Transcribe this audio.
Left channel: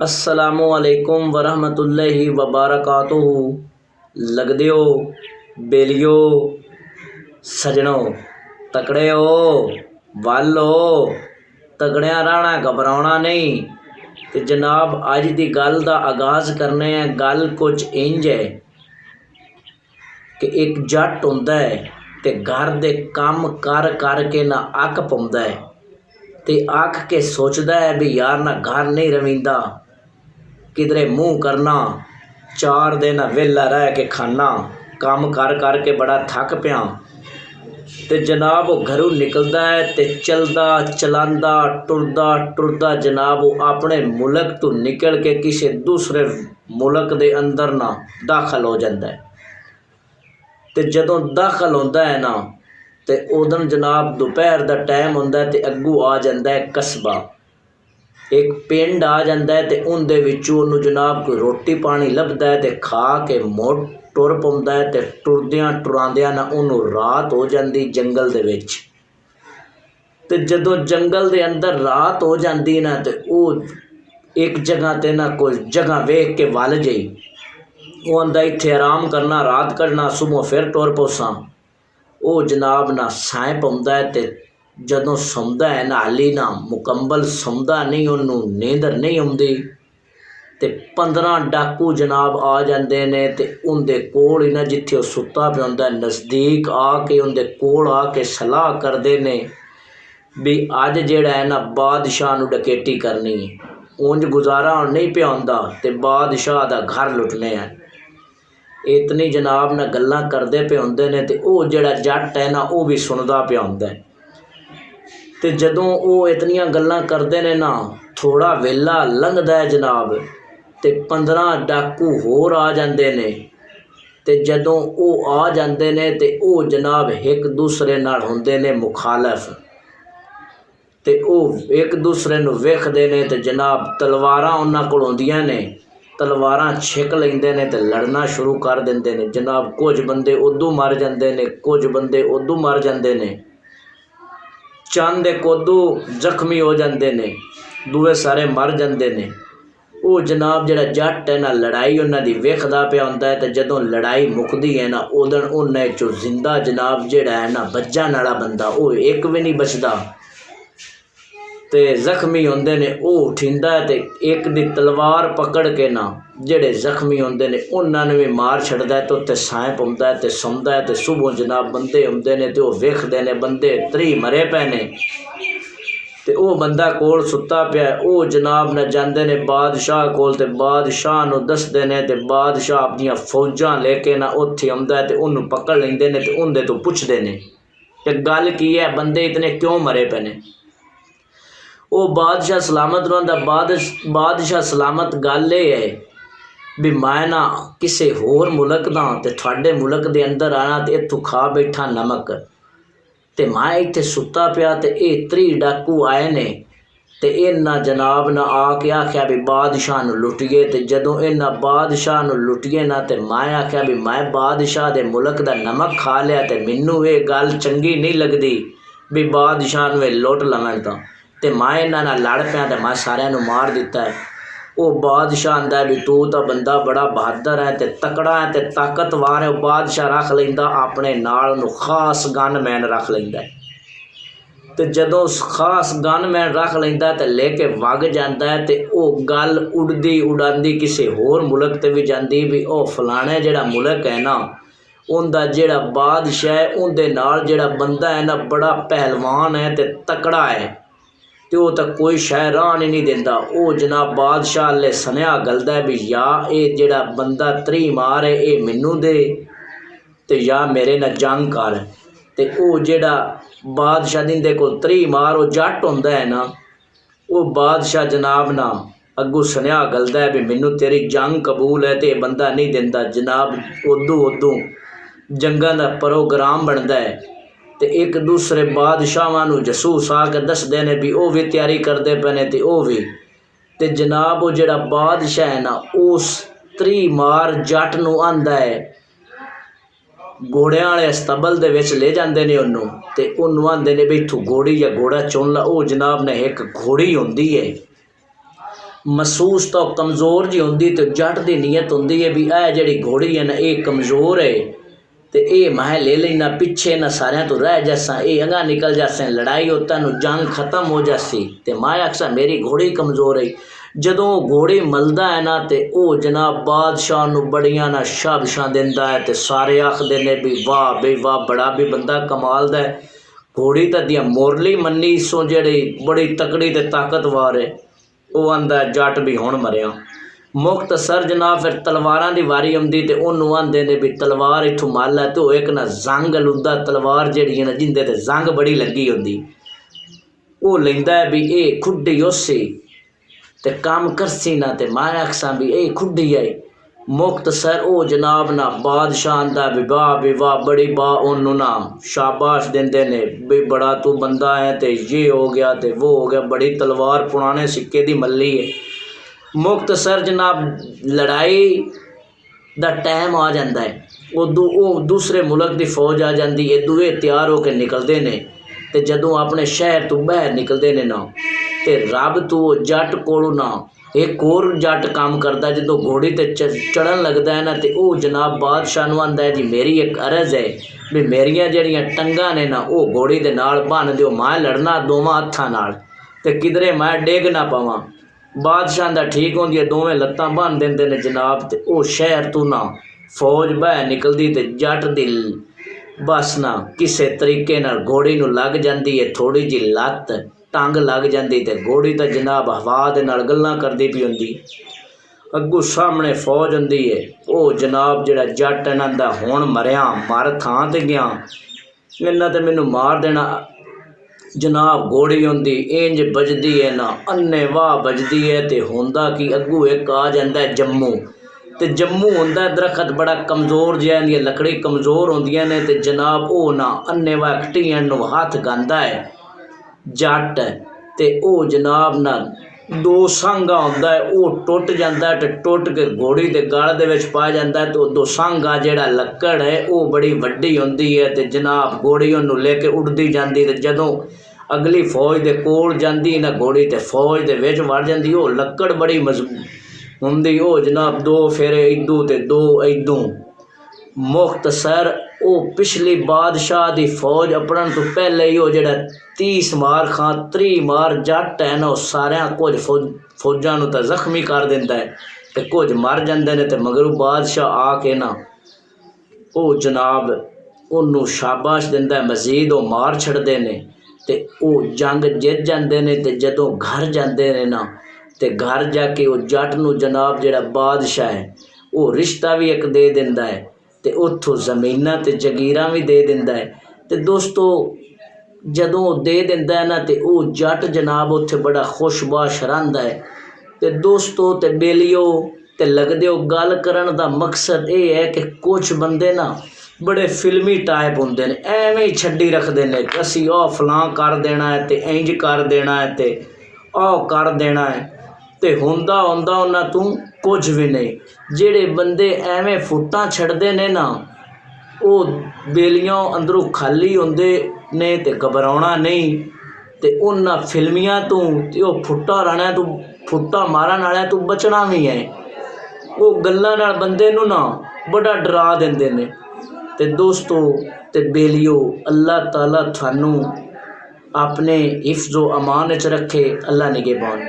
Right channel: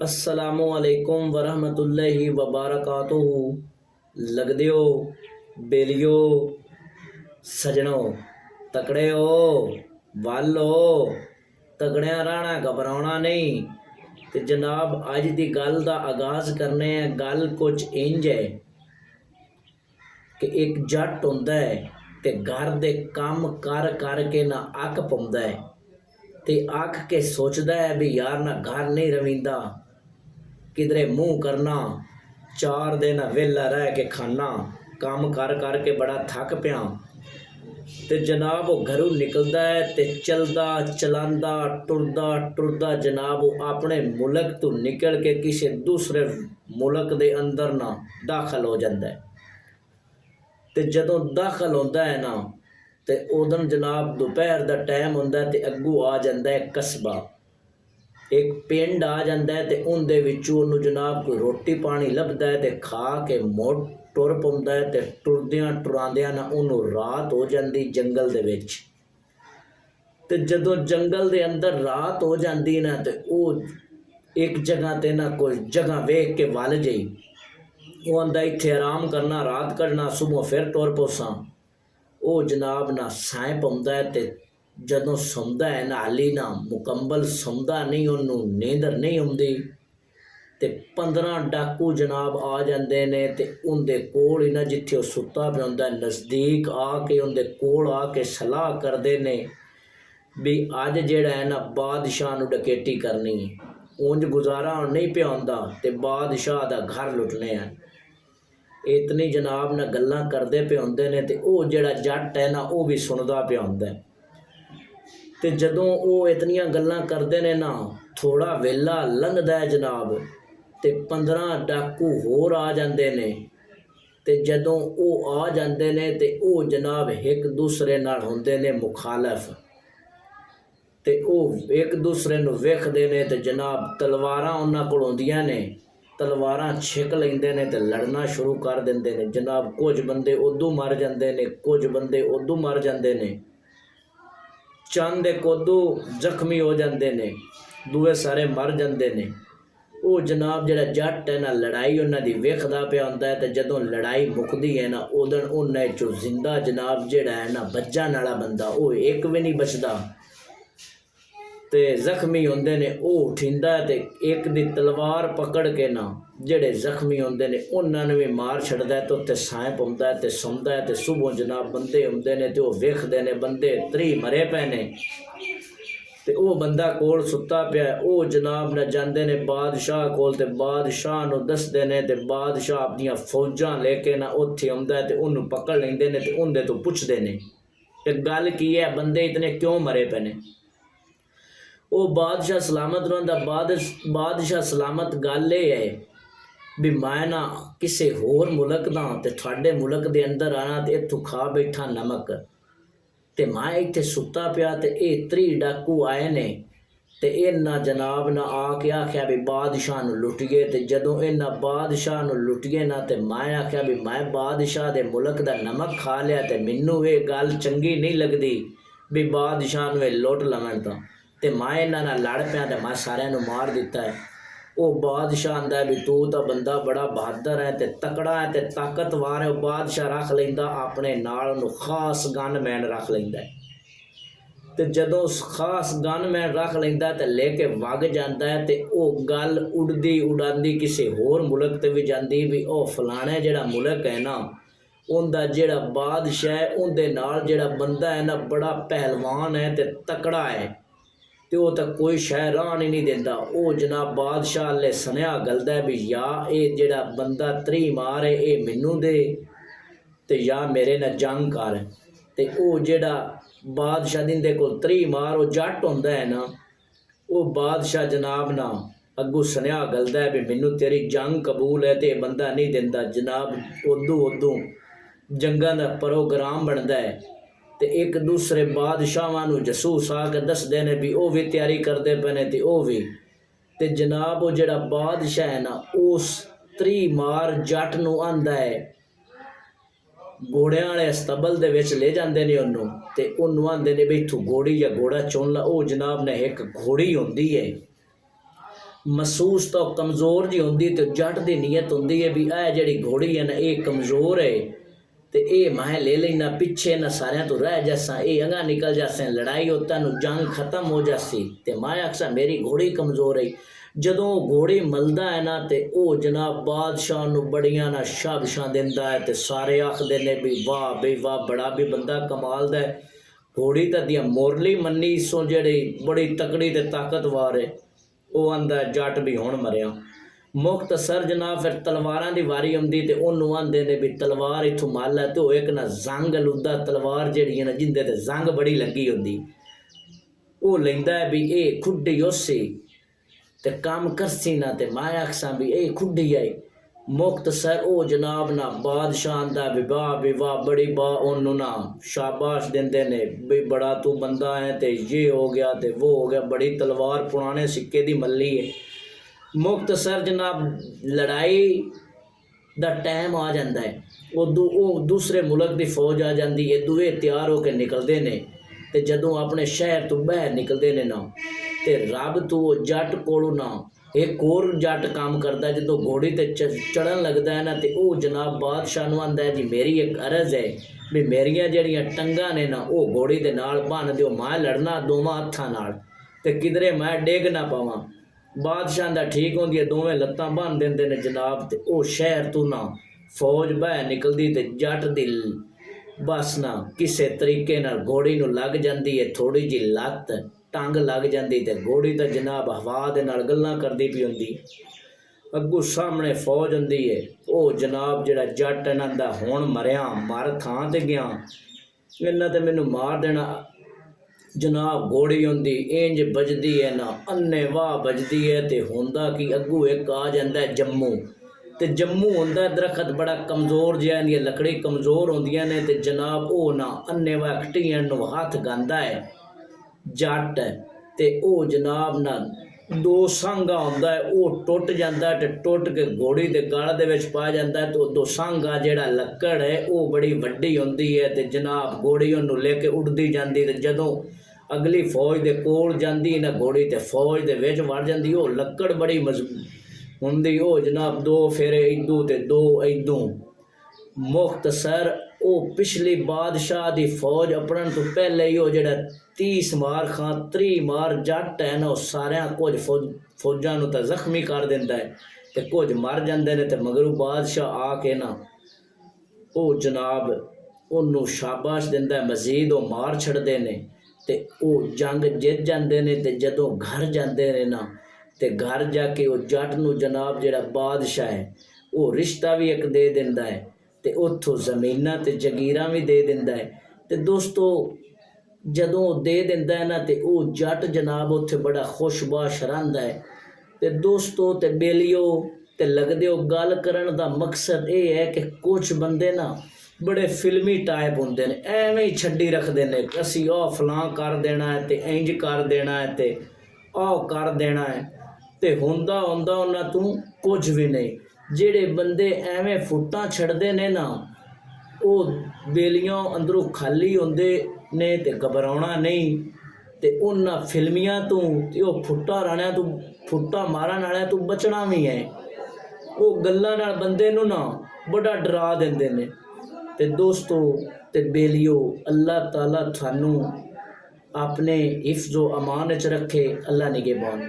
अस्सलामुअलैकुम वरहमतुल्लाहि वबरकातुहू। लगदियो बेलियो सजनों तकड़े हो वल हो तगड़िया रहना घबराना नहीं। तो जनाब अज की गल का आगाज़ करने हैं। गल कुछ इंज है कि एक जट होंदा है ते घर दे काम कर करके ना अक पाउंदा है ते अक के सोचदा है भी यार ना घर नहीं रवींदा, किधरे मुँह करना, 4 दिन वेला रह के खाना, काम कर करके बड़ा थक पिया। ते जनाब वो घरों निकलदा है ते चलदा चलांदा टुरदा टुरदा जनाब वो अपने मुल्क तो निकल के किसी दूसरे मुल्क दे अंदर ना दाखल हो जाता है। ते जदों दाखल होंदा है ना ते उदन जनाब दोपहर दा टाइम होंदा है ते अग्गू आ जाता है कस्बा, एक पिंड आ जाता है ते उनदे विचों उन्नू जनाब कोई रोटी पानी लभदा है ते खा के मुड़ टुर पाउंदा है ते टुरदियां टुरांदियां ना उन्नू रात हो जाती जंगल दे विच। ते जदों जंगल दे अंदर रात हो जाती ना ते वो एक जगह ते ना कोई जगह वेख के वल जाई, वो आंदा इत्थे आराम करना रात कढ़ना सुबह फिर टुर पौसां। वो जनाब ना साए पाउंदा है ते जदों सौंदा है ना हाली ना मुकम्मल सौंदा नहीं, उन्नू नींदर नहीं आउंदी ते 15 डाकू जनाब आ जाते ने ते उनदे कोल ही ना जिथे सुता पिया हुंदा नज़दीक आके उनदे कोल आके सलाह करते ने भी अज जिहड़ा है ना बादशाह नू डकैती करनी है, उंज गुजारा नहीं पिया हुंदा ते बादशाह दा घर लुटने हैं। इतनी जनाब ना गल्लां करदे पे हुंदे ने ते वो जिहड़ा जट है ना वो भी सुनदा पिया हुंदा है। ते जदों वो इतनियां गल्लां करदे ने ना थोड़ा वेला लंघदा है जनाब ते 15 डाकू होर आ जांदे ने ते जदों वो आ जांदे ने ते वो जनाब एक दूसरे नाल हुंदे ने मुखालफ ते वो एक दूसरे नू वेखदे ने ते जनाब तलवारां उन्हां कोल हुंदियां ने, तलवारां छिक लैंदे ने ते लड़ना शुरू कर दिंदे ने। जनाब कुछ बंदे उदू मर जांदे ने, कुछ बंदे उदू मर जांदे ने, चंद एक उदू जख्मी हो जाते ने, दूए सारे मर जाते ने। वो जनाब जिहड़ा जट है ना लड़ाई उन्हां दी वेखदा पिया हुंदा है ते जदों लड़ाई मुकदी है ना उदन उन्हां चों जिंदा जनाब जिहड़ा है ना बचण वाला बंदा वो एक भी नहीं बचदा ते जख्मी होंदे ने वो उठिंदा है ते एक दी तलवार पकड़ के ना जिहड़े जख्मी होंदे ने उन्हां नूं भी मार छड्डदा है ते उत्ते साए पाउंदा है ते सौंदा है ते सुबह जनाब बंदे आउंदे ने ते वो वेखदे ने बंदे 3 मरे पे ने ते वो बंदा कोल सुता पिया है। वो जनाब न जांदे ने बादशाह कोल ते बादशाह नूं दसदे ने ते बादशाह अपनियां फौजां लेके ना उत्थे आउंदा है ते उन्नू पकड़ लैंदे ने ते उंदे तो पुछदे ने ते गल की है बंदे इतने क्यों मरे पे ने। वो बादशाह सलामत रहिंदा बादशाह सलामत गल ये है भी मैं ना किसी होर मुल्क दा ते तुहाडे मुल्क दे अंदर आना ते इत्थों खा बैठा नमक ते मैं इत्थे सुता पिया ते ये 30 डाकू आए ने ते इन्हां जनाब ना आके आख्या भी बादशाह नूं लुटिए ते जदों इन्हां बादशाह नूं लुटिए ना ते मैं आख्या भी मैं बादशाह दे मुल्क दा नमक खा लिया ते मैनू ये गल चंगी नहीं लगदी भी बादशाह नूं लुट लवण तां ते मैं इन्हां नाल लड़ पिया ते मैं सारियां नूं मार दिता है। वो बादशाह आंदा भी तू तो बंदा बड़ा बहादुर है ते तकड़ा है ते ताकतवर है। बादशाह रख लैंदा अपने नाल नूं खास गनमैन रख लैंदा है ते जदों खास गनमैन रख लैंदा ते लेके वग जांदा है ते वो गल उड़दी उड़ांदी किसी होर मुल्क ते भी जांदी भी ओ फलाने जिहड़ा मुल्क है ना उनदा जिहड़ा बादशाह है उनदे नाल जिहड़ा बंदा है ना बड़ा पहलवान है ते तकड़ा है ते वो तो कोई शह राहन ही नहीं देंदा। वो जनाब बादशाह ले सनेहा गलदा है भी या ये जिहड़ा बंदा 3 मार है ये मैनू दे ते या मेरे नाल जंग कर ते वो जिहड़ा बादशाह दिंदे कोल 3 मार वो जट हुंदा है ना वो बादशाह जनाब ना अग्गू सनेहा गलदा है भी मैनू तेरी जंग कबूल है ते बंदा नहीं देंदा। जनाब उदू जंगां दा प्रोग्राम बनता है ते एक दूसरे बादशाहां नूं जसूस आके दसदे ने भी वो भी तैयारी करते पे ने ते वो भी ते जनाब वो जिहड़ा बादशाह है ना उस 3 मार जट नूं आंदा है घोड़ियां वाले अस्तबल दे विच ले जांदे ने उन्नू ते उन्नू आंदे ने भी इत्थों घोड़ी या घोड़ा चुन ला। वो जनाब ने एक घोड़ी होंदी है महसूस तो कमज़ोर जी होंदी तो जट की नीयत होंदी है भी यह जी घोड़ी है ना ये कमज़ोर है तो ये मैं ले लेना पिछे ना सारिया तो रह जासा ये अगा निकल जासे लड़ाई होता जंग खत्म हो जासी तो मैं आखसा मेरी घोड़ी कमज़ोर है। जदों घोड़ी मलदा है ना तो वह जनाब बादशाह नूं बड़ियां ना शाबशां दिंदा है तो सारे आखदे ने भी वाह बड़ा भी बंदा कमाल दा है। घोड़ी तो दियां मुरली मन्नी सो जिहड़ी बड़ी तकड़ी ते ताकतवर है वो आंदा जट भी हुण मरिया। मुख्तसर जनाब फिर तलवारां दी वारी आउंदी ते उहनूं आंदे ने भी तलवार इत्थों मल है तो एक ना जंग लुद्दा तलवार जिहड़ी है ना जिंदे ते जंग बड़ी लगी होंदी वो लैंदा है भी ये खुड्डी उसी ते काम करसी ना ते मैं आखसा भी ये खुड्डी है। मुख्तसर वो जनाब ना बादशाह आंदा भी वाह बड़ी ओनू ना शाबाश देंदे ने भी बड़ा तू बंदा है ते ये हो गया ते वो हो गया बड़ी तलवार पुराने सिक्के दी मल्ली है। मुख्तसर जनाब लड़ाई दा टाइम आ जाता है वो दूसरे मुल्क की फौज आ जाती है दूए तैयार होकर निकलते हैं तो जदों अपने शहर तो बाहर निकलते हैं ना तो रब तो जट कोलों ना एक और जट काम करता जो घोड़ी ते चढ़न लगता है ना तो वह जनाब बादशाह नूं आंदा है जी मेरी एक अर्ज है भी मेरिया जड़ियाँ टंगा ने ना वो घोड़ी दे नाल बन दिओ मैं लड़ना दोवां हत्थां नाल ते किधरे मैं डिग ना पवां। बादशाह दा ठीक होंदी है दोवें लत्तां बन देंदे ने जनाब ते वो शहर तो ना फौज बाहर निकलती ते जट दी बस ना किसी तरीके नाल घोड़ी नूं लग जाती है थोड़ी जी लत्त टंग लग जाती तो घोड़ी तो जनाब हवा दे नाल गल्लां करदी पई होंदी अगू सामने फौज होंदी है वो जनाब जिहड़ा जट इन्हां दा हुण मरिया मर थां ते गया इन्हां ते मैनूं मार देना जनाब घोड़ी होंदी इंज बजदी है ना अन्ने वाह बजदी है तो होंदा कि अगू एक आ जाता है जम्मू तो जम्मू होंदा दरखत बड़ा कमज़ोर जिहा इहदियां लकड़ी कमज़ोर होंदियां ने तो जनाब वो ना अन्ने वाह कटियां नूं हथ गांदा है जट ते ओ जनाब ना दो सांगा होंदा है वो टुट जाता है तो टुट के घोड़ी के गल दे विच पा जाता है तो दो सांगा जिहड़ा लक्कड़ है वो बड़ी वड्डी होंदी है तो जनाब घोड़ी उन्होंने लेके उड़दी जाती तो जदों अगली फौज के कोल जाती ना घोड़ी तो फौज के विच वड़ जाती वो लक्कड़ बड़ी मजबूत होंदी वो जनाब दो फेरे इदू ते दो इदू। मुख्तसर वो पिछली बादशाह की फौज अपने तो पहले ही वो जड़ा 30 मार खां 30 मार जट है ना सारिया कुछ फौजां नूं तां जख्मी कर दिंदा है तो कुछ मर जाते हैं तो मगरों बादशाह आके ना वो जनाब उन्होंने शाबाश दिंदा है मजीद वो मार छड़ते हैं तो वो जंग जित जाते हैं तो जदों घर जाते हैं ना तो घर जाके वो जट नूं जनाब जिहड़ा बादशाह है वो रिश्ता भी एक दे दिंदा है तो उत्थों जमीनां ते जगीरां भी दे दिंदा है। तो दोस्तों जदों दे दिंदा है ना तो वो जट जनाब उत्थे बड़ा खुशबाश रहिंदा है। तो दोस्तों ते बेलियो ते लगदे हो गल करन दा मकसद ये है कि कुछ बंदे ना बड़े फिल्मी टाइप होंदे ने एवें ही छड्डी रखदे ने कि असीं आ फलां कर देना है ते इंज कर देना है ते आ कर देना है ते हुंदा उन्हां तों कुछ भी नहीं। जिहड़े बंदे एवें फुट्टां छड्डदे ने ना वो बेलियों अंदरों खाली होंदे ने ते घबराउणा नहीं ते उन्हां फिल्मियां तों ते वो फुट्टा राणियां तों फुट्टा मारन वालियां तों बचना भी है। वो गल्लां नाल बंदे नूं ना बड़ा डरा दिंदे ने। ते दोस्तों ते बेलियो अल्लाह ताला थानू अपने हिफ्ज़ो अमान च रखे। अल्लाह निगहबान।